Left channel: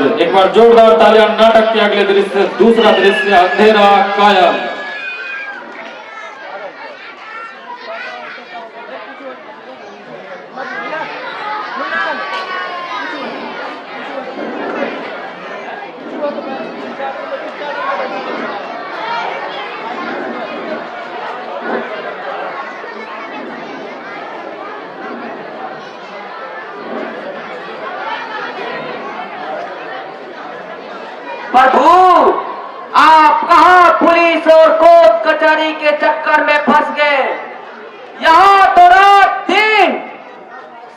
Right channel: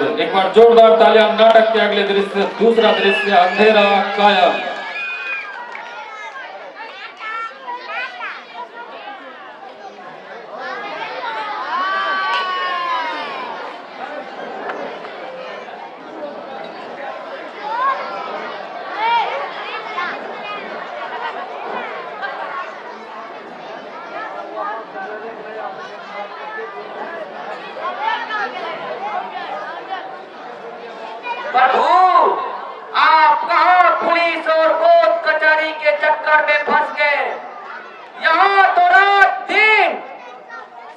जरूर एक बार जोरदार तालियां। नाटक के अगले दृश्य, दूसरा दृश्य अंधेरा कायम। प्रभु, आप कहां पुलिस और कोर्ट कचहरी के चक्कर में फंस गए? यहाँ तो रात दिन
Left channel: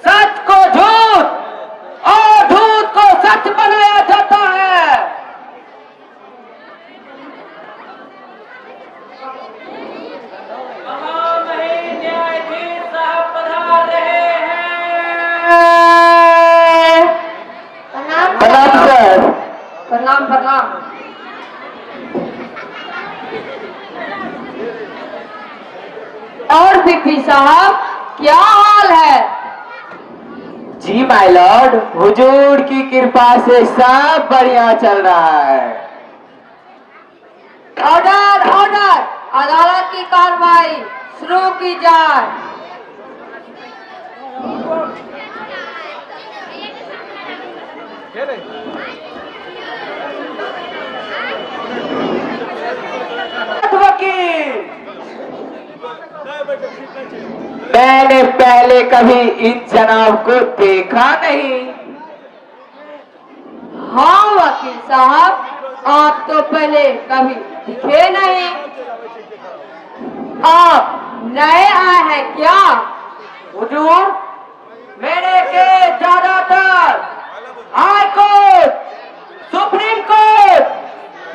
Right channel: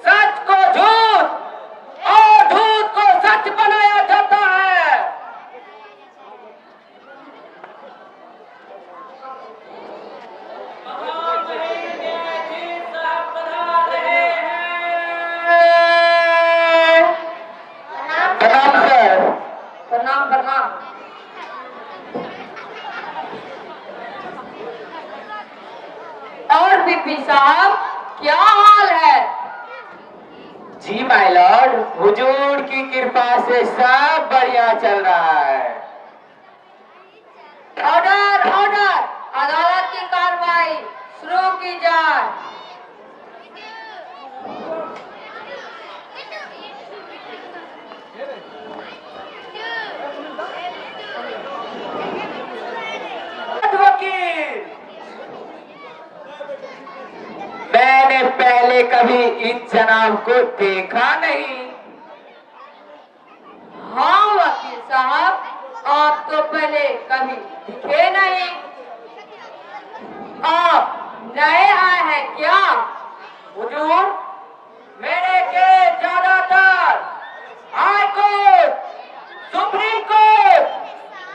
सच को झूठ और झूठ को सच बनाया जाता है। न्यायाधीश साहब पधार रहे हैं। प्रणाम सर। प्रणाम प्रणाम। और बीपी साहब, क्या हाल है? जी माय लॉर्ड, हुजूर की कृपा से सब बढ़िया चल रहा है। ऑर्डर ऑर्डर, अदालत की कार्रवाई शुरू की जाए। वकील, मैंने पहले कभी इन जनाब को देखा नहीं। हाँ वकील साहब, आप तो पहले कभी दिखे नहीं। आप नए आए हैं क्या? हुजूर, मेरे के ज्यादातर हाई कोर्ट, सुप्रीम कोर्ट,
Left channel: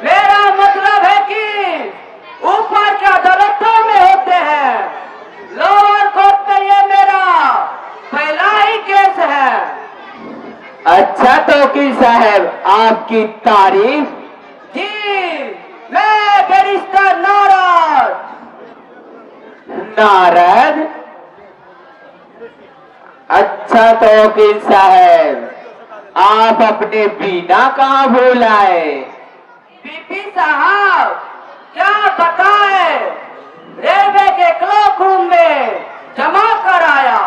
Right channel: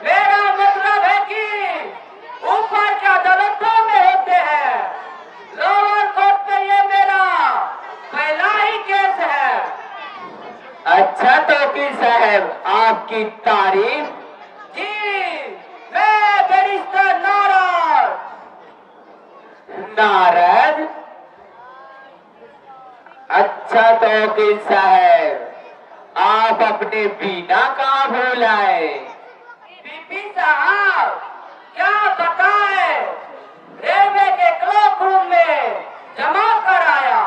मेरा मतलब है कि ऊपर के अदालतों में होते हैं। लोअर कोर्ट में ये मेरा पहला ही केस है। अच्छा तो वकील साहब, आपकी तारीफ। जी, मैं बैरिस्टर नारद। नारद? अच्छा तो वकील साहब, आप अपने बीना कहाँ भूल आए? बीपी साहब, क्या बताए, रेलवे के क्लॉक रूम में जमा कराया।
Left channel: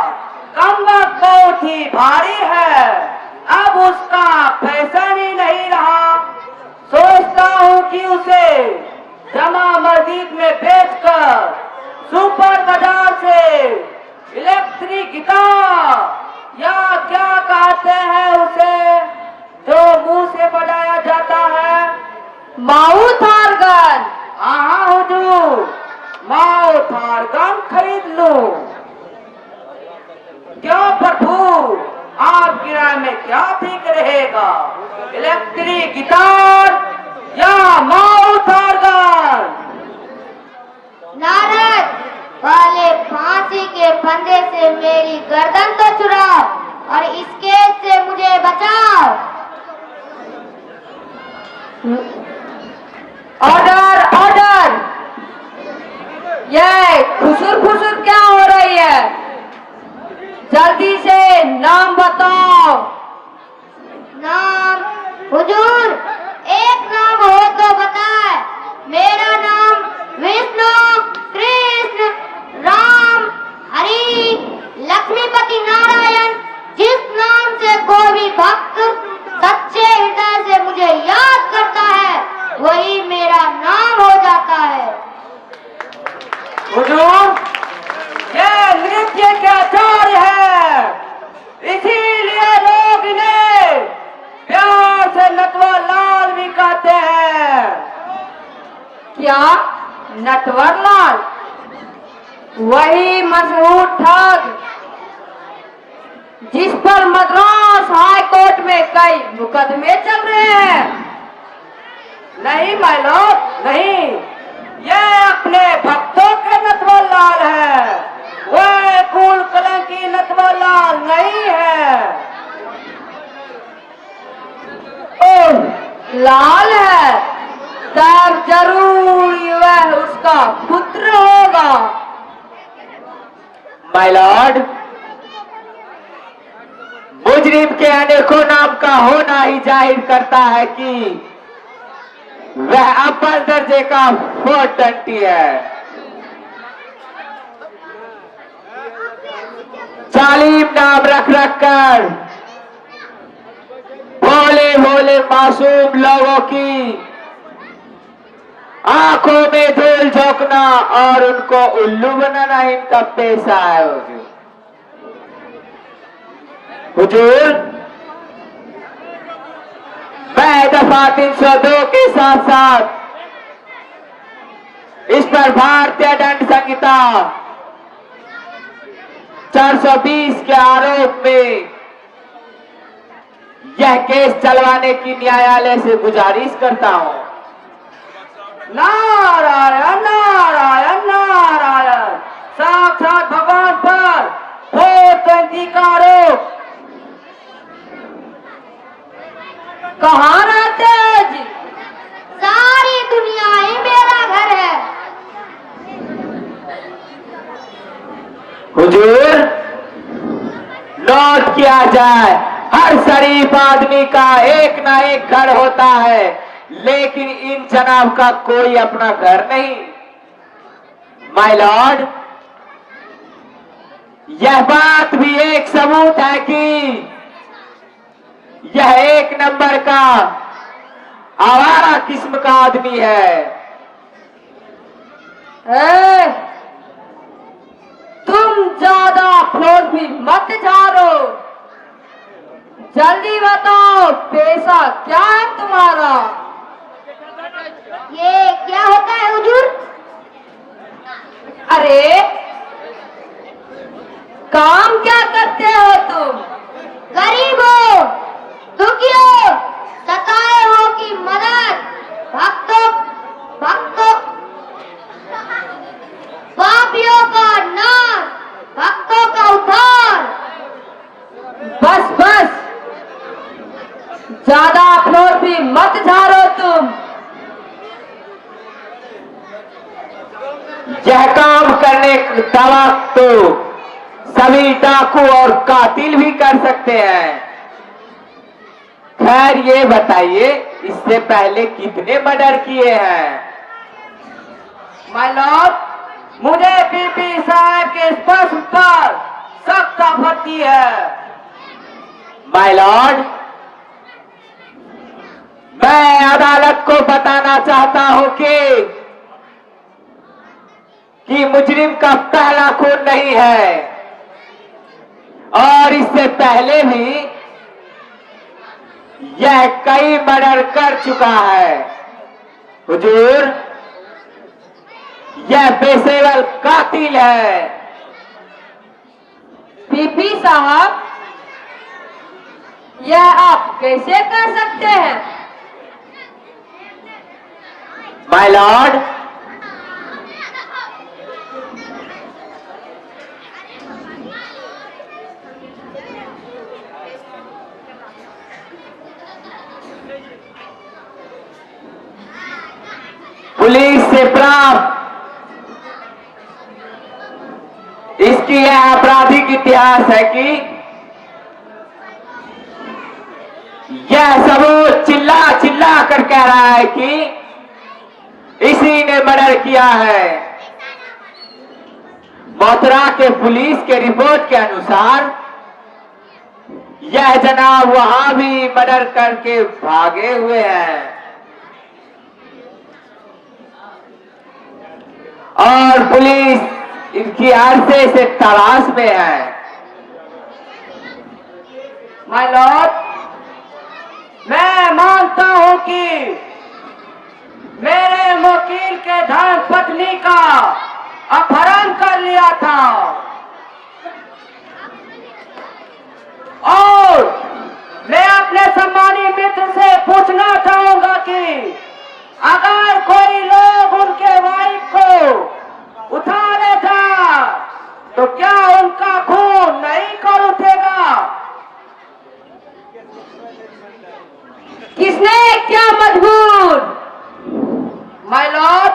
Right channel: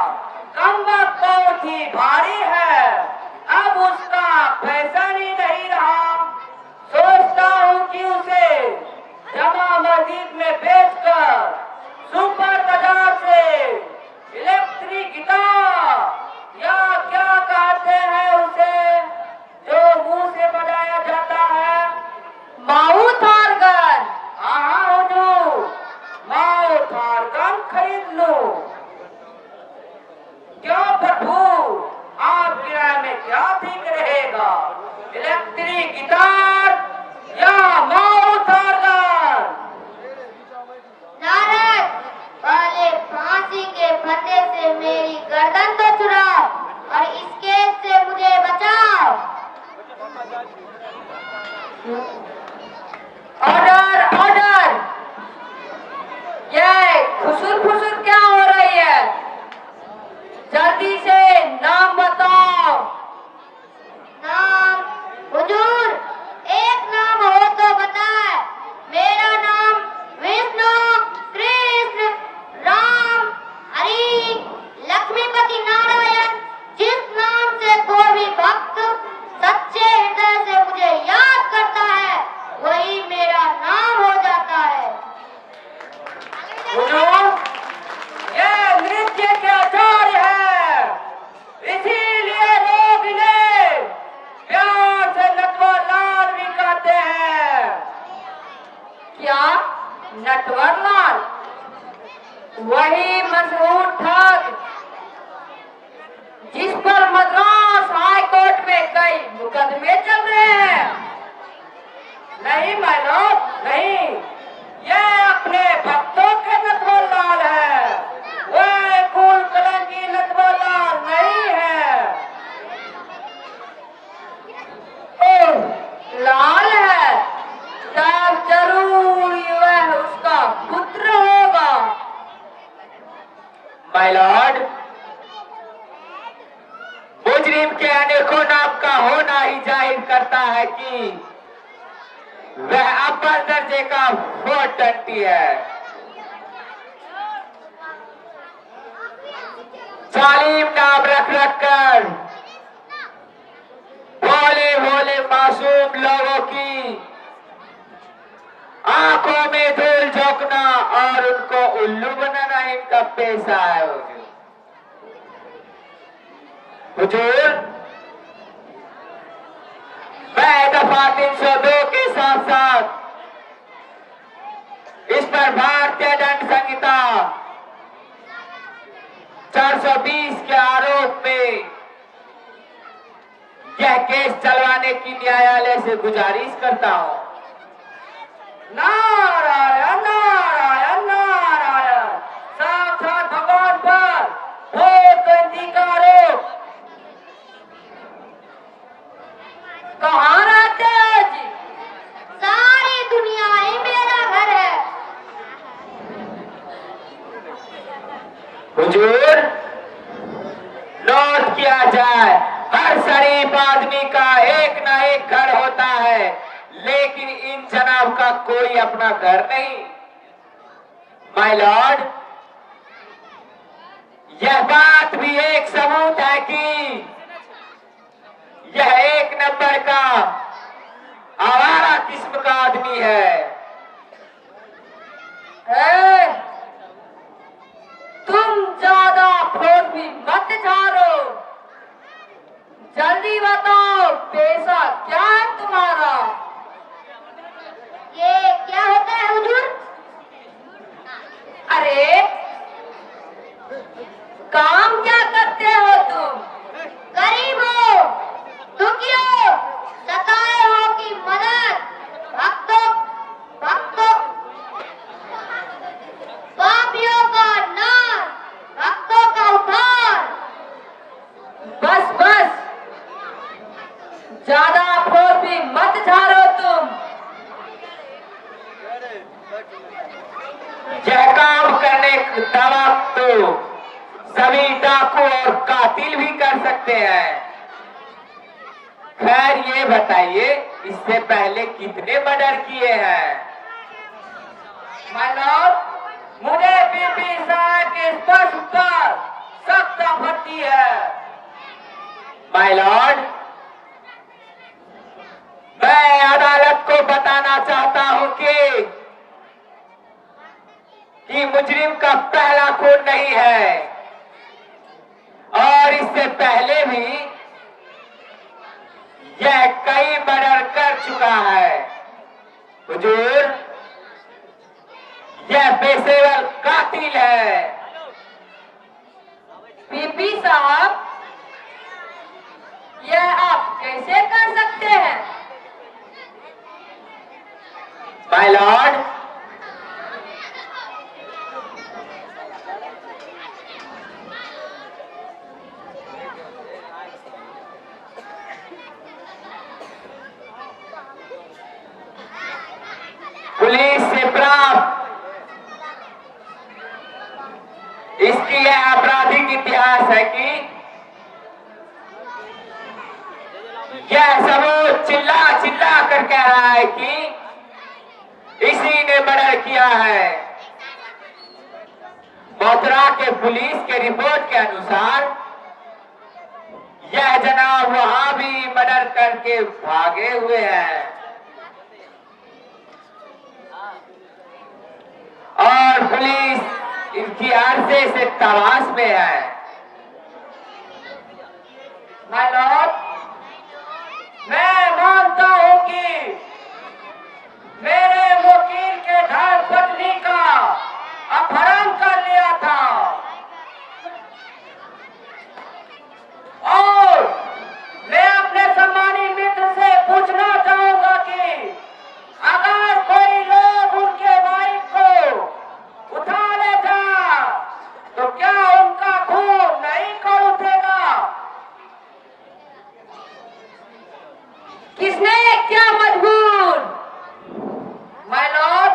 कम वक्त बहुत ही भारी है, अब उसका फैशन ही नहीं रहा। सोचता हूँ कि उसे जमा मस्जिद में बेचकर सुपर बाजार से इलेक्ट्रिक गिटार या क्या कहते हैं उसे, जो मुंह से बजाया जाता है, माउथ ऑर्गन। हाँ हुजूर, माउथ ऑर्गन खरीद लूं। क्यों प्रभु, आपकी राय में क्या ठीक रहेगा, इलेक्ट्रिक गिटार या माउथ ऑर्गन? नारद, पहले फांसी के फंदे से मेरी गर्दन तो छुड़ाओ और इस केस से मुझे बचाओ। ऑर्डर ऑर्डर, ये खुसुर फुसुर क्या हो रही है? जल्दी से नाम बताओ। नाम? हुजूर, एक नाम हो तो बताए। मेरा नाम विष्णु, कृष्ण, राम, हरि, लक्ष्मीपति नारायण। जिस नाम से कोई भी भक्त सच्चे हृदय से मुझे याद करता है, वही मेरा नाम हो जाता है। हुजूर, ये नृत्य के आचार्य है, इसीलिए लोग इन्हें प्यार से नटवर लाल भी कहते हैं। क्या नटवर लाल? वही मशहूर ठग जिस पर मद्रास हाई कोर्ट में कई मुकदमे चल रहे हैं। नहीं माय लॉर्ड, नहीं, ये अपने भक्तों के नटवर लाल है, वह कुल कलंकी नटवर लाल नहीं है। ओह, लाल है, तब जरूर वह उसका पुत्र होगा। माय लॉर्ड, मुझ मुजरिम के अनेकों नाम का होना ही जाहिर करता है कि वह अव्वल दर्जे का 420 है। जालिम नाम रख रख कर भोले भोले मासूम लोगों की आंखों में धूल झोंकना और उनको उल्लू बनाना इनका पेशा है। हुजूर, मैं दफा 302 के साथ साथ इस पर भारतीय दंड संहिता 420 के आरोप में यह केस चलवाने की न्यायालय से गुजारिश करता हूं। नारायण नारायण नारायण, साक्षात भगवान पर 420 का आरोप। कहाँ रहते हैं जी? सारी दुनिया ही मेरा घर है। हुजूर, नोट किया जाए, हर शरीफ आदमी का एक ना एक घर होता है, लेकिन इन जनाब का कोई अपना घर नहीं। माय लॉर्ड, यह बात भी एक सबूत है कि यह एक नंबर का आवारा किस्म का आदमी है। तुम ज्यादा फ्लोर भी मत झाड़ो, जल्दी बताओ पैसा क्या है तुम्हारा? ये क्या होता है हुजूर? अरे काम क्या करते हो तुम? गरीबों, दुखियों, सताए हुओं की मदद, भक्तों पापियों का नाश, भक्तों का उद्धार। बस बस, ज्यादा फ्लोर भी मत झाड़ो तुम। यह काम करने का वक्त तो सभी डाकू और कातिल भी कर सकते हैं। खैर, ये बताइए, इससे पहले कितने मर्डर किए हैं? माय लॉर्ड, मुझे पीपी साहब के स्पर्श पर सख्त आपत्ति है। माय लॉर्ड, मैं अदालत को बताना चाहता हूं कि मुजरिम का पहला खून नहीं है और इससे पहले भी यह कई मर्डर कर चुका है। हुजूर, यह पेशेवर कातिल है। पीपी साहब, यह आप कैसे कर सकते हैं? माय लॉर्ड, पुलिस से प्राप्त इसकी यह आपराधिक इतिहास है कि यह सबूत चिल्ला चिल्ला कर कह रहा है कि इसी ने मर्डर किया है। मथुरा के पुलिस के रिपोर्ट के अनुसार यह जनाब वहां भी मर्डर करके भागे हुए हैं और पुलिस इनकी अरसे से तलाश में है। माय लॉर्ड, मैं मानता हूं कि मेरे वकील के धर्म पत्नी का अपहरण कर लिया था और मैं अपने सम्मानी मित्र से पूछना चाहूंगा कि अगर कोई लोग उनके वाइफ को उठा लेता तो क्या उनका खून नहीं कर उठेगा? किसने क्या मजबूर? माय लॉर्ड,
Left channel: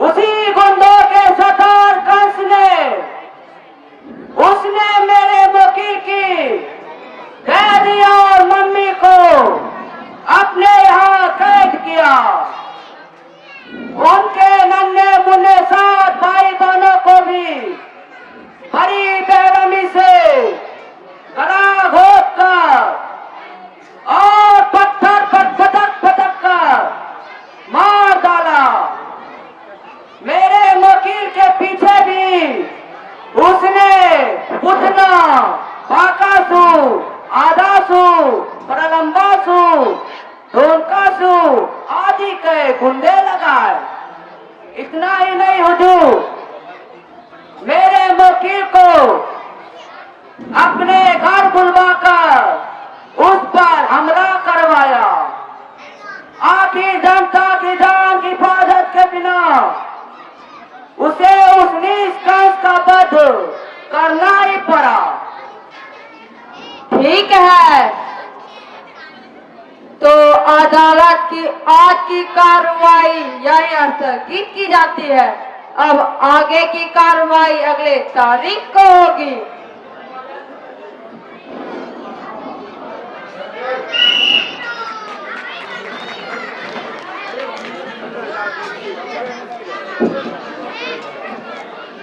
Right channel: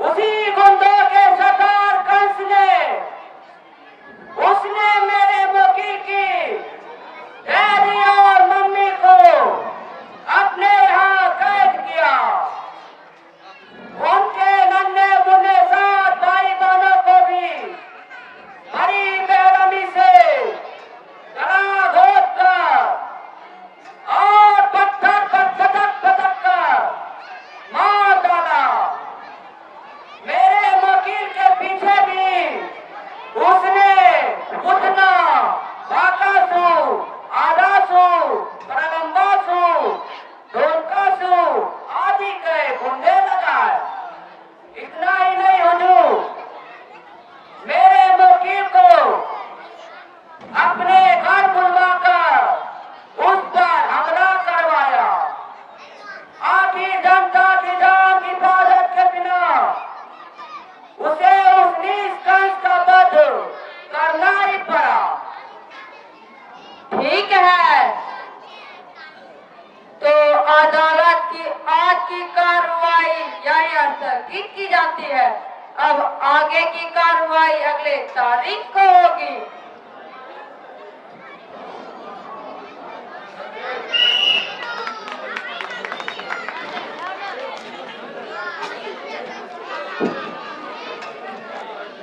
उसी गुंडों के सरदार कंस ने, उसने मेरे वकील की गुंडे लगाए। इतना ही नहीं हुजूर, मेरे मुखी को अपने घर बुलवाकर उस पर हमला करवाया। आखिर जनता की जान की हिफाजत के बिना उसे उस नीच कंस का वध करना ही पड़ा। ठीक है, तो अदालत की आज की कार्रवाई यहीं स्थगित की जाती है। अब आगे की कार्रवाई अगले तारीख को होगी।